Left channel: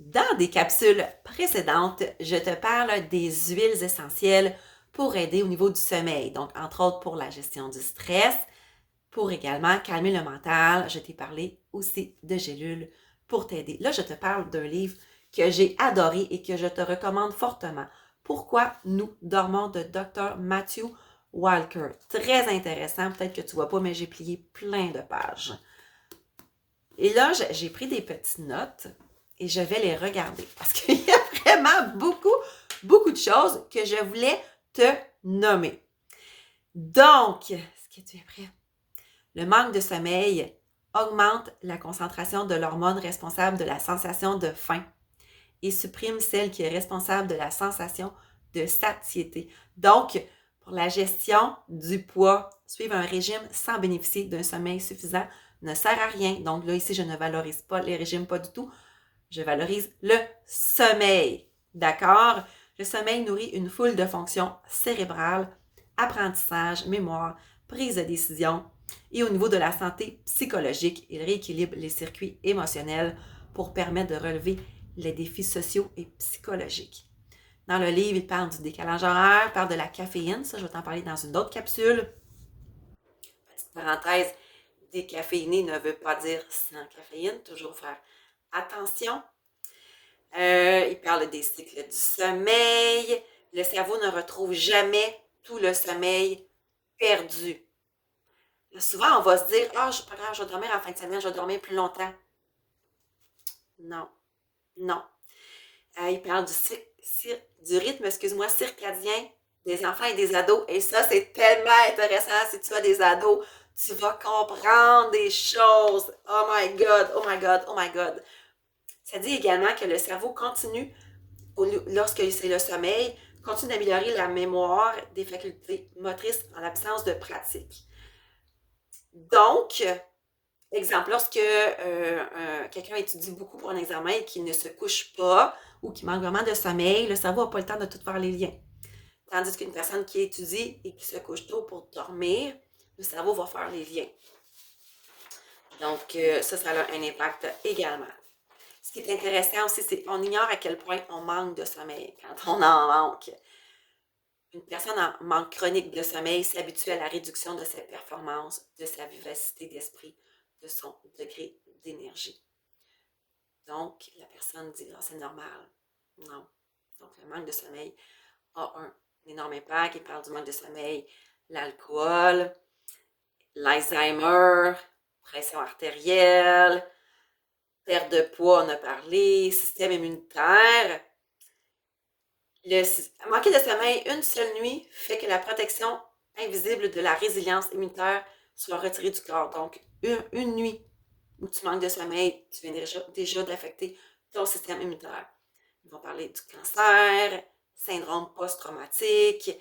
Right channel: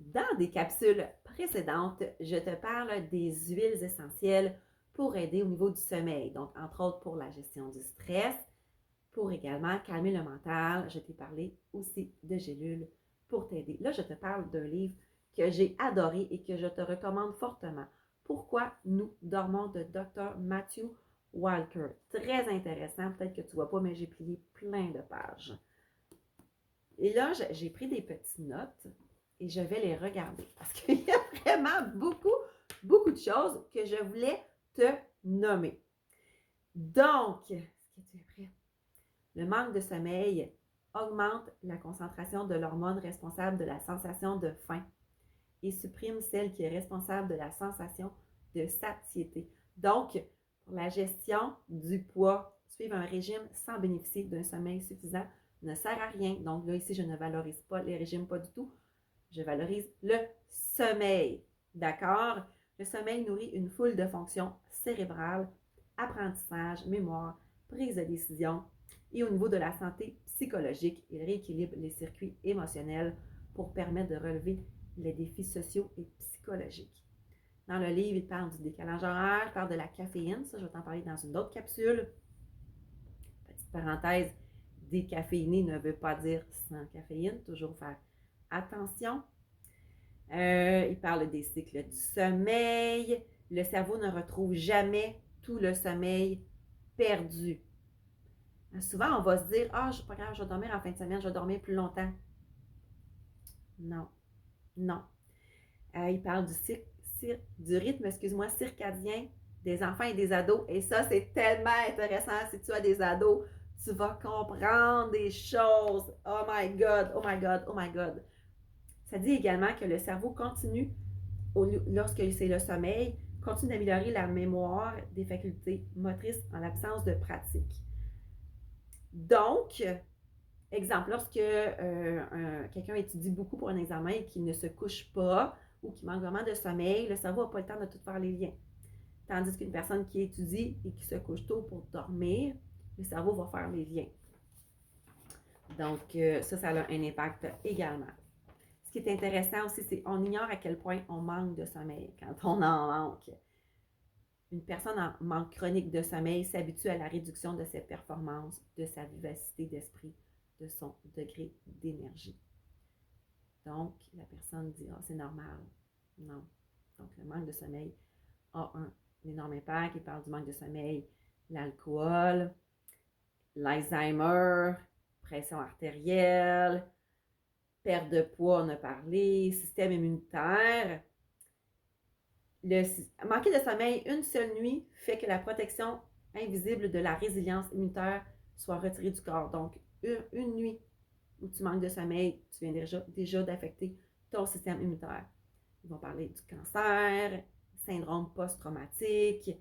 Dans des capsules précédentes, je te parle des huiles essentielles pour aider au niveau du sommeil. Donc, entre autres pour la gestion du stress, pour également calmer le mental. Je t'ai parlé aussi de gélules pour t'aider. Là, je te parle d'un livre que j'ai adoré et que je te recommande fortement. Pourquoi nous dormons de Dr. Matthew Walker. Très intéressant. Peut-être que tu ne vois pas, mais j'ai plié plein de pages. Et là, j'ai pris des petites notes et je vais les regarder parce qu'il y a vraiment beaucoup de choses que je voulais te nommer. Donc, est-ce que tu es prêt? Le manque de sommeil augmente la concentration de l'hormone responsable de la sensation de faim et supprime celle qui est responsable de la sensation de satiété. Donc, pour la gestion du poids, suivre un régime sans bénéficier d'un sommeil suffisant ne sert à rien. Donc là, ici, je ne valorise pas les régimes, pas du tout. Je valorise le sommeil. D'accord? Le sommeil nourrit une foule de fonctions cérébrales, apprentissage, mémoire, prise de décision. Et au niveau de la santé psychologique, il rééquilibre les circuits émotionnels pour permettre de relever les défis sociaux et psychologiques. Dans le livre, il parle du décalage horaire, il parle de la caféine. Ça, je vais t'en parler dans une autre capsule. Petite parenthèse, décaféiné ne veut pas dire sans caféine. Toujours faire attention. Il parle des cycles du sommeil. Le cerveau ne retrouve jamais tout le sommeil perdu. Là, souvent, on va se dire « Ah, c'est pas grave, je vais dormir en fin de semaine, je vais dormir plus longtemps. » Non, non. Il parle du rythme, circadien des enfants et des ados. Et ça, c'est tellement intéressant. Si tu as des ados, tu vas comprendre des choses. Oh my God, oh my God, oh my God. Ça dit également que le cerveau continue, lorsque c'est le sommeil, continue d'améliorer la mémoire des facultés motrices en l'absence de pratique. Donc, exemple, lorsque quelqu'un étudie beaucoup pour un examen et qu'il ne se couche pas ou qu'il manque vraiment de sommeil, le cerveau n'a pas le temps de tout faire les liens. Tandis qu'une personne qui étudie et qui se couche tôt pour dormir, le cerveau va faire les liens. Donc, ça a un impact également. Ce qui est intéressant aussi, c'est qu'on ignore à quel point on manque de sommeil quand on en manque. Une personne en manque chronique de sommeil s'habitue à la réduction de ses performances, de sa vivacité d'esprit, de son degré d'énergie. Donc, la personne dit « Ah, c'est normal. » Non. Donc, le manque de sommeil a un énorme impact. Il parle du manque de sommeil, l'alcool, l'Alzheimer, pression artérielle, perte de poids, on a parlé, système immunitaire. Manquer de sommeil une seule nuit fait que la protection invisible de la résilience immunitaire soit retirée du corps. Donc, une nuit où tu manques de sommeil, tu viens déjà d'affecter ton système immunitaire. Ils vont parler du cancer, syndrome post-traumatique,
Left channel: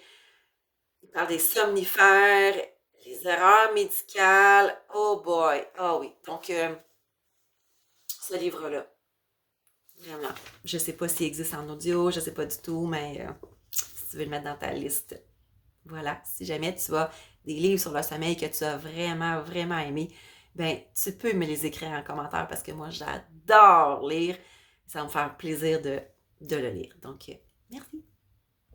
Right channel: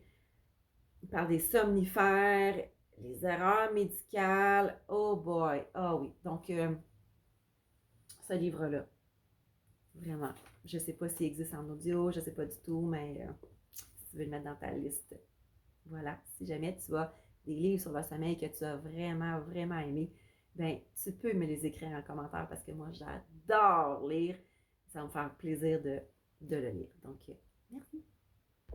ils parlent des somnifères, les erreurs médicales. Oh boy, ah oui. Donc, ce livre-là, vraiment, je ne sais pas s'il existe en audio, je ne sais pas du tout, mais si tu veux le mettre dans ta liste, voilà. Si jamais tu as des livres sur le sommeil que tu as vraiment aimé, ben tu peux me les écrire en commentaire parce que moi, j'adore lire. Ça va me faire plaisir de le lire. Donc, merci.